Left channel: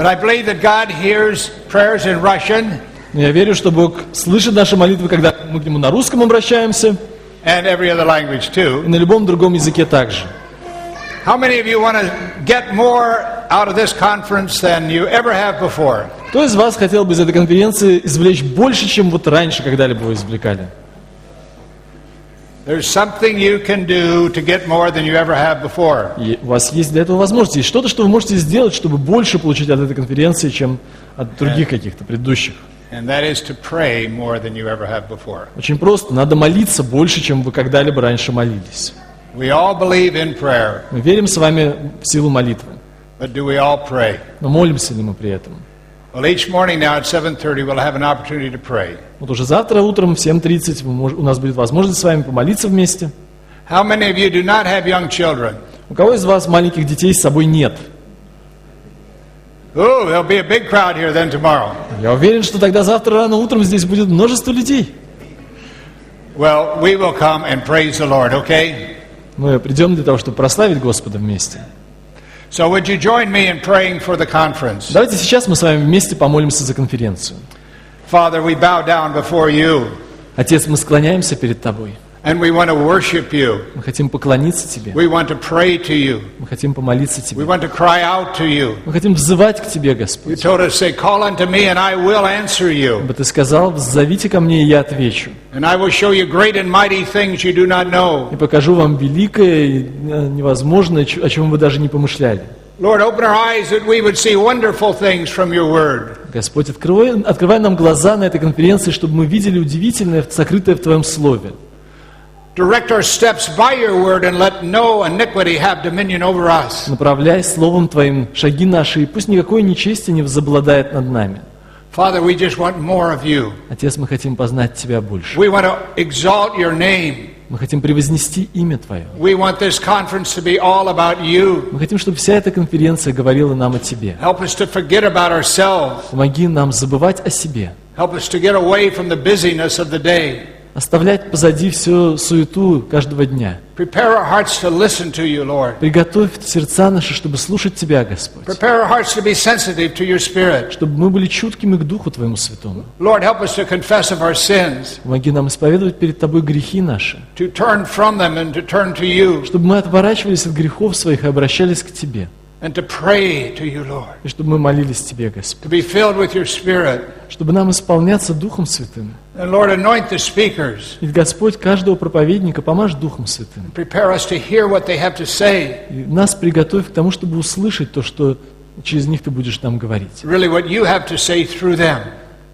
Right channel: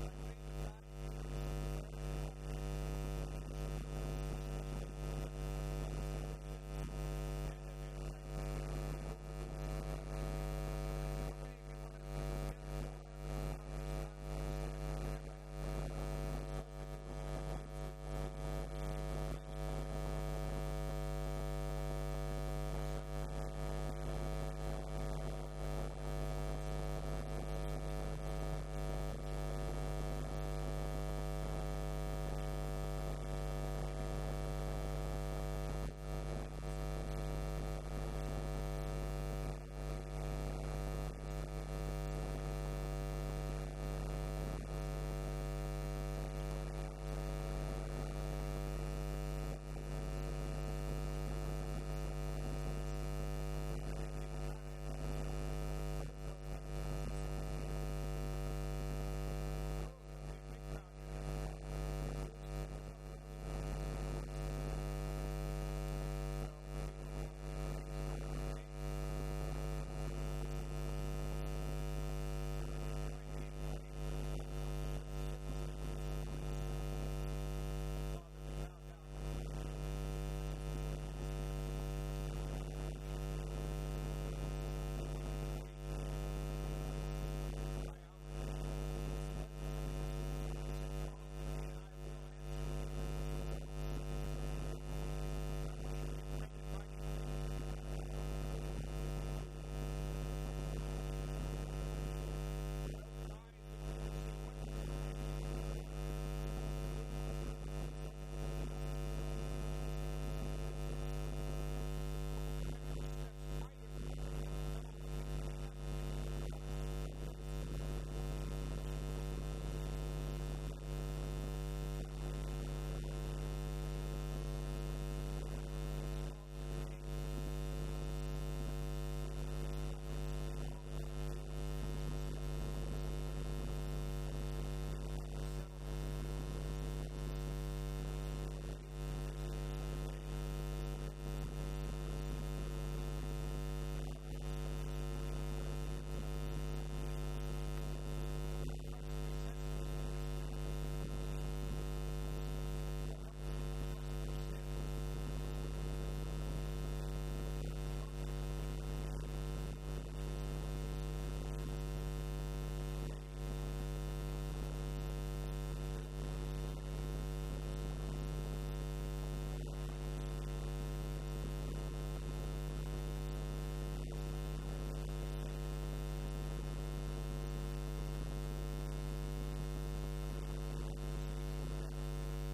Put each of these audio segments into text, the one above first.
But I believe that God hears prayers in Russian Я верю, что Бог слышит наши молитвы, когда мы к Нему на русском обращаемся, and every other language too. и на любом другом языке также. How many of you want to get more out of this conference than you ever have before? Кто из вас хотел бы из этой конференции извлечь больше, чем вот раньше когда-либо вы извлекали? There's something you can do to get more than you ever have before. И у вас есть для этого возможность. Есть что-то, что вы можете сделать, чтобы больше получить от этой конференции, чем от других каких-то предыдущих. And that is to pray more than you ever have before. Очень просто. Надо молиться больше, чем вы когда-либо раньше молились. We all believe in prayer, Мы верим с вами в силу молитвы. but do we all pray? Но молимся ли мы при этом? Well, each morning now at 7:30 we'll have an opportunity to pray. Вот уже завтра утром в 7:30 у нас будет возможность с вами помолиться вместе. How many of you do not have young children? У кого из вас маленьких детей с собой нет? Oh, there'll be a big crowd here then tomorrow. Я уверен, что тогда завтра рано утром здесь будет множество людей. Well, we will come and praise the Lord, okay? Мы придем для того, чтобы прославить Господа вместе. So would you join me in praying for the conference? Давайте сейчас мы с вами вместе помолимся за конференцию. Father, we bow down before you, Отец, мы склоняемся перед Тобой. and we want to worship you. Мы хотим поклониться Тебе. We want to pray to you. Мы хотим помолиться We Тебе. want to cry out to you. Мы хотим взывать к Тебе, You Господь. told us, say, call unto me, and I will answer you. Ибо Ты сказал, «Зовите ко мне, и я отвечу. And I will show you great and mighty things you do not know. И покажу вам великое и невозможное, о чем вы даже не помышляли». Lord, open our eyes that we would see wonderful things from your word. Господь, открывай нам глаза на этой конференции, чтобы мы видели удивительное, сокрытое в Твоем Слове. Direct our steps by your word and let no iniquity have dominion over us. Направляй Словом Твоим шаги наши, и пусть никакое нечестие не возобладает над нами. Father, we just want more of you. Отец, мы хотим познать Тебя больше. We want to exalt your name. Мы хотим превознести имя Твое. We want this conference to be all about you. Мы хотим, чтобы вся эта конференция говорила нам о Тебе. Help us to forget about ourselves. Помоги нам забывать о себе, Help us to get away from the busyness of the day. оставлять позади всю суету каждого дня. Prepare our hearts to listen to you, Lord. Приготовь сердца наши, чтобы слушать Тебя, Господь. Prepare our hearts to be sensitive to your Spirit. Чтобы мы были чуткими к Духу Твоему Святому. Lord, help us to confess of our sins, Помоги нам исповедовать перед Тобой грехи наши, to turn from them and to turn to you, чтобы мы отворачивались от грехов своих и обращались к Тебе. and to pray to you, Lord. И чтобы мы молились Тебе, Господь. To be filled with your Spirit. Чтобы нам исполняться Духом Святым. And Lord, anoint the speakers. И, Господь, каждого проповедника помажь Духом Святым. Prepare us to hear what they have to say. И нас приготовь к тому, чтобы услышать то, что через них Ты будешь нам говорить. Really what you have to say through them.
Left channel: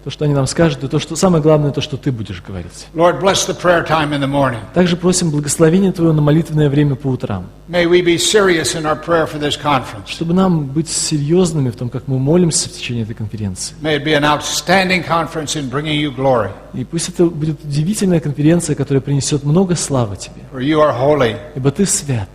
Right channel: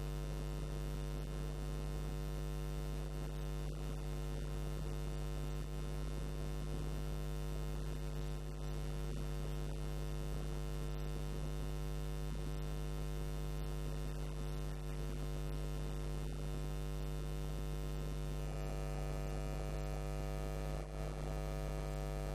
То, что они нам скажут, и то, что самое главное, то, что Ты будешь говорить. Lord, bless the prayer time in the morning. Также просим благословения Твоего на молитвенное время по утрам. May we be serious in our prayer for this conference. Чтобы нам быть серьезными в том, как мы молимся в течение этой конференции. May it be an outstanding conference in bringing you glory. И пусть это будет удивительная конференция, которая принесет много славы Тебе. For you are holy. Ибо Ты свят.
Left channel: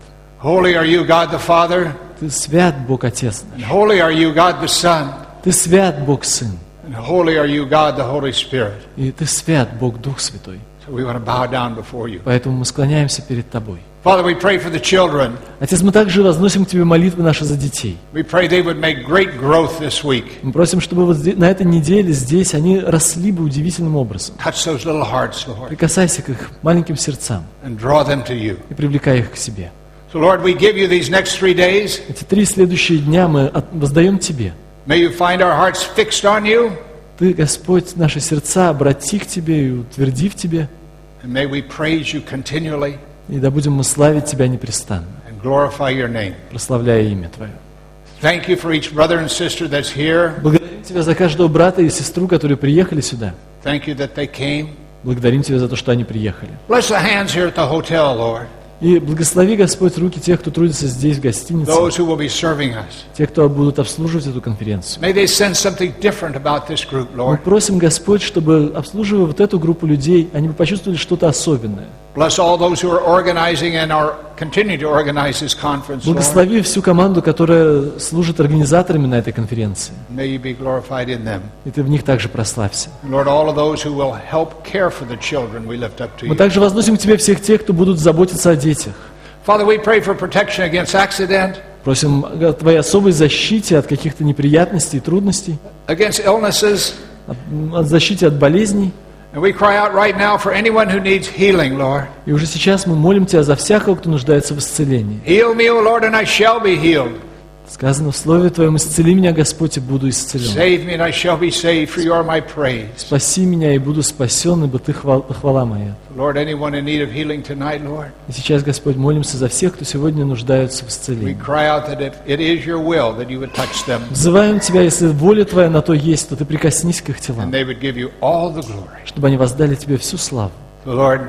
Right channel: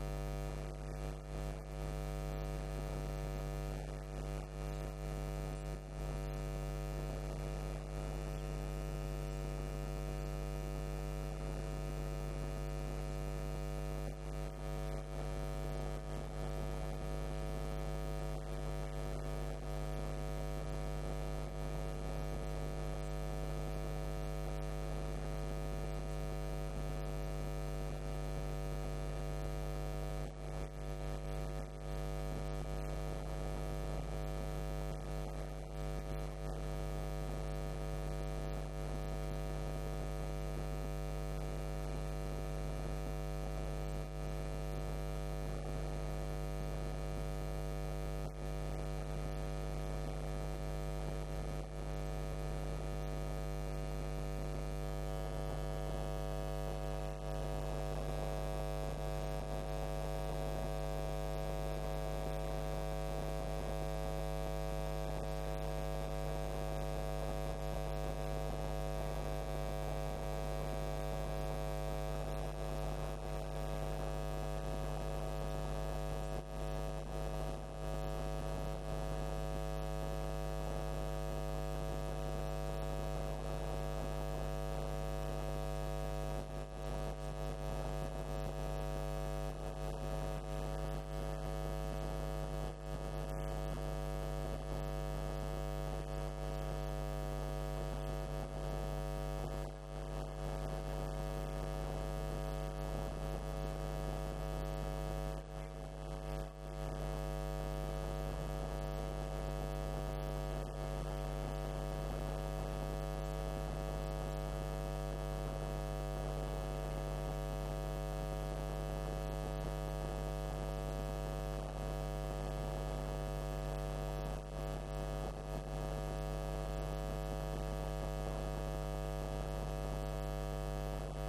Holy are you, God the Father, Ты свят, Бог Отец наш. and holy are you, God the Son, Ты свят, Бог Сын. and holy are you, God the Holy Spirit. И Ты свят, Бог Дух Святой. So we want to bow down before you. Поэтому мы склоняемся перед Тобой. Father, we pray for the children. Отец, мы также возносим к Тебе молитвы наши за детей. We pray they would make great growth this week. Мы просим, чтобы вот на этой неделе здесь они росли бы удивительным образом. Touch those little hearts, Lord, Прикасайся к их маленьким сердцам and draw them to you. и привлекай их к себе. So, Lord, we give you these next 3 days. Эти 3 следующие дня мы воздаем Тебе. May you find our hearts fixed on you, Ты, Господь, наши сердца обрати к Тебе и утверди в Тебе. and may we praise you continually И да будем мы славить Тебя непрестанно, and glorify your name. прославляя имя Твое. Thank you for each brother and sister that's here. Благодарим Тебя за каждого брата и сестру, которые приехали сюда. Thank you that they came. Благодарим Тебя за то, что они приехали. Bless the hands here at the hotel, Lord, И благослови, Господь, руки тех, кто трудится здесь, в гостинице, those who will be serving us. те, кто будут обслуживать эту конференцию. May they sense something different about this group, Мы Lord. просим, Господь, чтобы, обслуживая вот эту группу людей, они бы почувствовали что-то особенное. Bless all those who are organizing and are continuing to organize this conference, Lord. Благослови всю команду, которая служит организаторами на этой конференции. May you be glorified in them. И Ты в них также прославься. Lord, all of those who will help care for the children, we lift up to Мы you. также возносим к Тебе всех тех, кто будут заботиться о детях. Father, we pray for protection against accident. Просим о Твоей особой защите от каких-то неприятностей и трудностей, against illnesses. от защите от болезней. And we cry out right now for anyone who needs healing, Lord. И уже сейчас мы молим Тебя за всякого, кто нуждается в исцелении. Heal me, O Lord, and I shall be healed. Сказано в Слове Твоем: «Исцели меня, Господь, и буду исцелен». Save me, and I shall be saved, for you are my praise. Спаси меня, и буду спасен, ибо Ты хвала моя. Lord, anyone in need of healing tonight, Lord, И сейчас, Господь, молимся за всех, кто сегодня нуждается в we исцелении. cry out that if it is your will that you would touch them, Взываем Тебя, если воля Твоя на то есть, то Ты прикоснись к их and телам, they would give you all the glory. чтобы они воздали Тебе всю славу. Lord,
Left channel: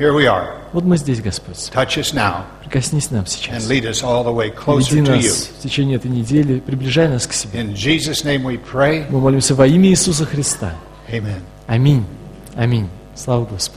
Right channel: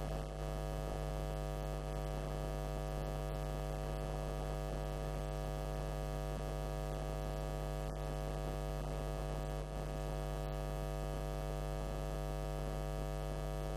here we are. Вот мы здесь, Господь. Touch us now Прикоснись нам and сейчас. lead us all the way Веди closer to you. нас в течение этой недели, приближай нас к себе. In Jesus' name we pray. Мы молимся во имя Иисуса Христа. Amen. Аминь. Аминь. Слава Господу.